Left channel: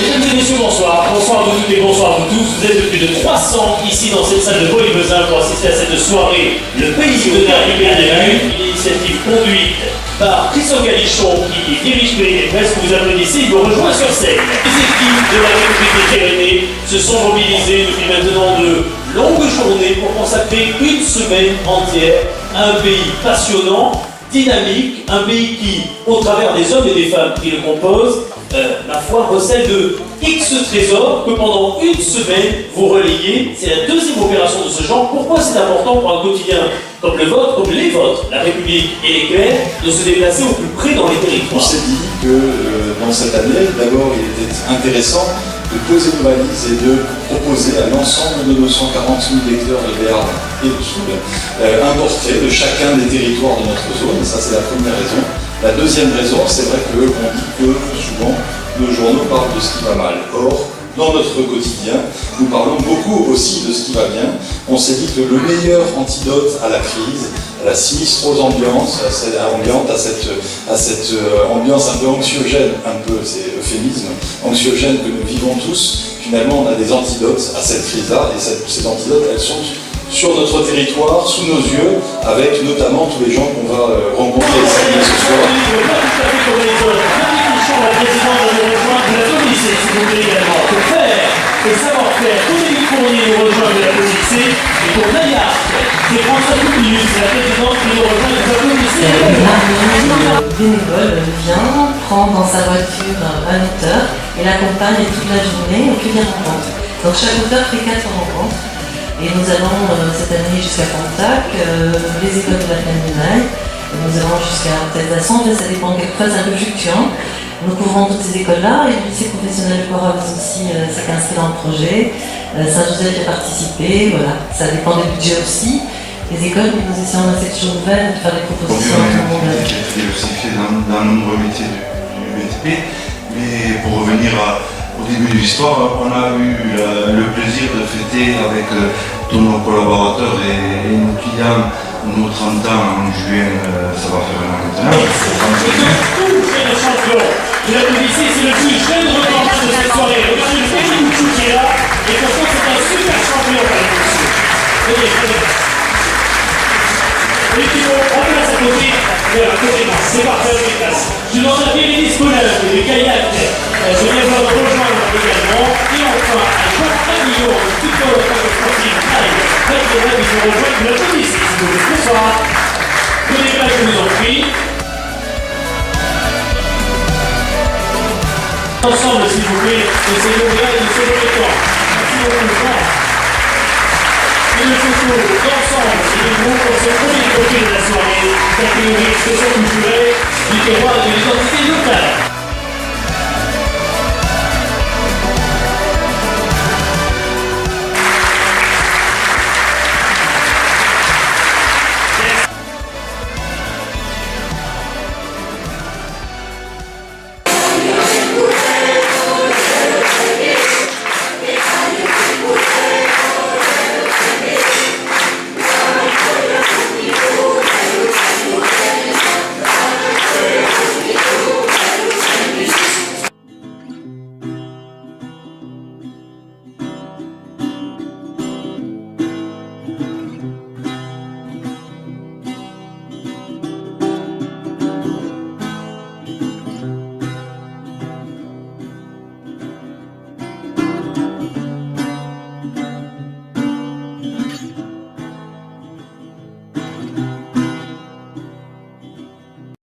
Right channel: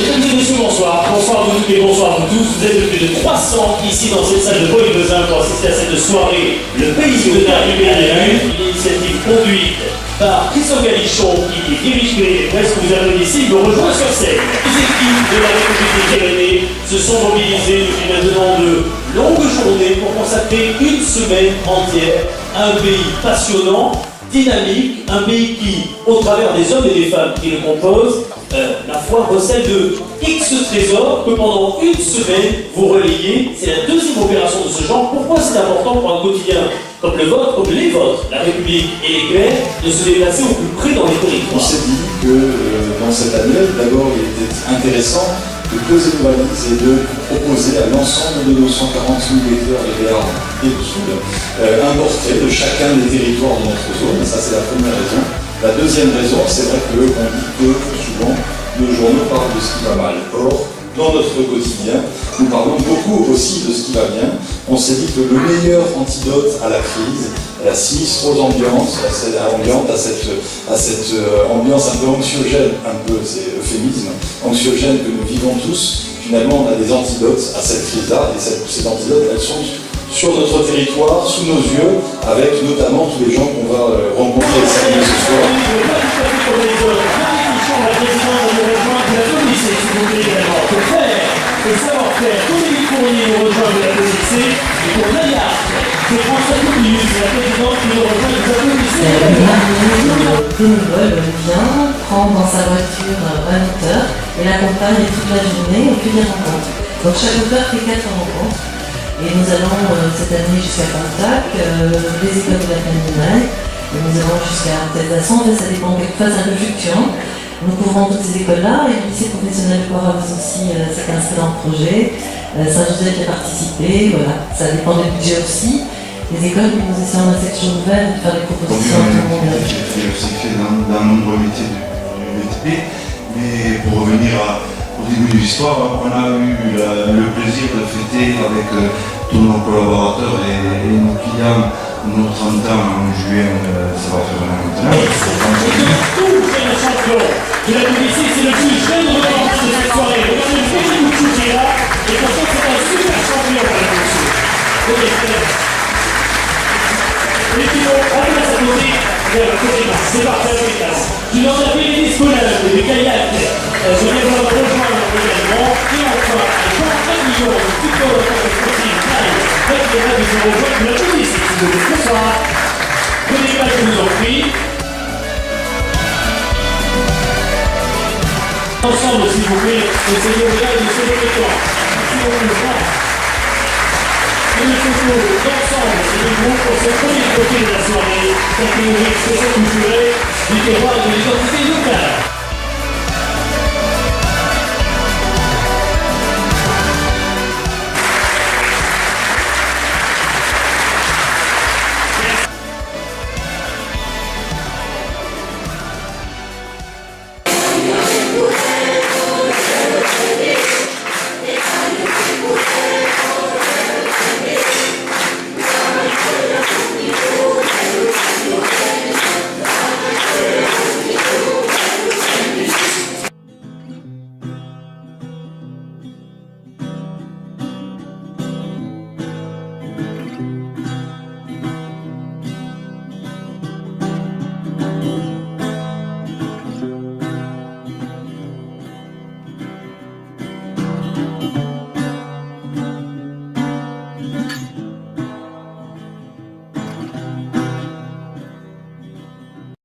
Mesdames et messieurs, bonsoir. Bonsoir à vous toutes et bonsoir à vous tous. Vous êtes plus de 300 ici dans cette salle de Paul-Besin pour assister à cette soirée. Le pays de la Ribéry, une initiative conduite par Christophe Galichon qui dirige les presses. Vous applaudissez, il me rejoint sur scène. Les équipes de la République des Pyrénées se sont mobilisées depuis maintenant de longues journées pour consacrer une semaine entière à un pays passionnant, dynamique, un pays qui, au travers des hommes et des femmes qui le composent, la foi recèle de X trésors que pendant une semaine vous relayez. C'est la deuxième opération de ce genre. Pourquoi c'est important pour un quotidien comme le vôtre, comme les vôtres, la République et l'éclair, de se déplacer au plus près dans les territoires? On s'est dit que dans cette année, d'abord, il était intéressant de poser nos valises et de proposer à l'ensemble de nos 140 000 lecteurs de Béarn et de Soude un portrait de chacun des territoires de notre zone. Ça, c'est la première raison. La deuxième raison, c'est vrai qu'on dit que souvent nos journaux parlent de ce qui va mal. Or, dans notre quotidien, nous parlons beaucoup aussi de ce qui va bien. On s'est dit que le meilleur antidote à la crise, à la sinistrose ambiance, à cette ambiance un peu anxiogène, c'est euphémisme, anxiogène que nous vivons tous, finalement on a des antidotes à cette crise-là, et ces antidotes, elles sont sur notre territoire, sous nos yeux, avec notamment tous les gens qu'on va rencontrer et saluer ce soir. Et savoir-faire, pour les Fournier nous rejoint de l'applaudissez, et pour Nayar, c'est François Coupius, la présidente qui nous rejoint de l'applaudissez. Le bénévole vient, prend dans sa voiture un auteur et l'accompagne toute la journée au cueillir rencontre. Donc chaque auteur fait 4 rencontres. Et nous allons cette année jusqu'à Pontac, les écoles de la Candidaille, nous allons jusqu'à Telzasson, ça dépend quelquefois, c'est un peu fluctuant. Nous couvrons toutes ces écoles-là et le lycée professionnel de Coravez aussi s'est inscrit dans le projet. Saint-Joseph a participé, voilà, ça dépend des budgets aussi. Les écoles, nous essayons dans cette chose nouvelle de faire des propositions à tout le monde. J'ai aussi fait dans nombreux métiers du BTP, mais pour revenir au début de l'histoire, on a eu le plaisir de fêter avec tous nos collaborateurs et nos clients nos 30 ans en juin, ça va faire un an maintenant. Tout jeune champion de la BBC, c'est le plus jeune record de cette soirée. Regardez le petit Mouchou qui est là, et de toute façon c'est un super champion, monsieur. Venez. Les pilotes, on place à côté, c'est parfait avec les classes. Je demande à Bérénice Colin, de Gaillac, je viens de rejoindre également, et enfin à Jean Aguillon, de Tutor, de Sportive, Faites les rêves, ils nous rejoignent de la police. Bonsoir. Venez pas, je vous en prie. Ensemble, s'il vous plaît, essayez de là et de se lever le temps. Merci beaucoup. Et le photo d'ensemble, c'est le groupe pour ce premier côté de la soirée, d'accueillir l'expression culturelle du terroir et de l'identité locale.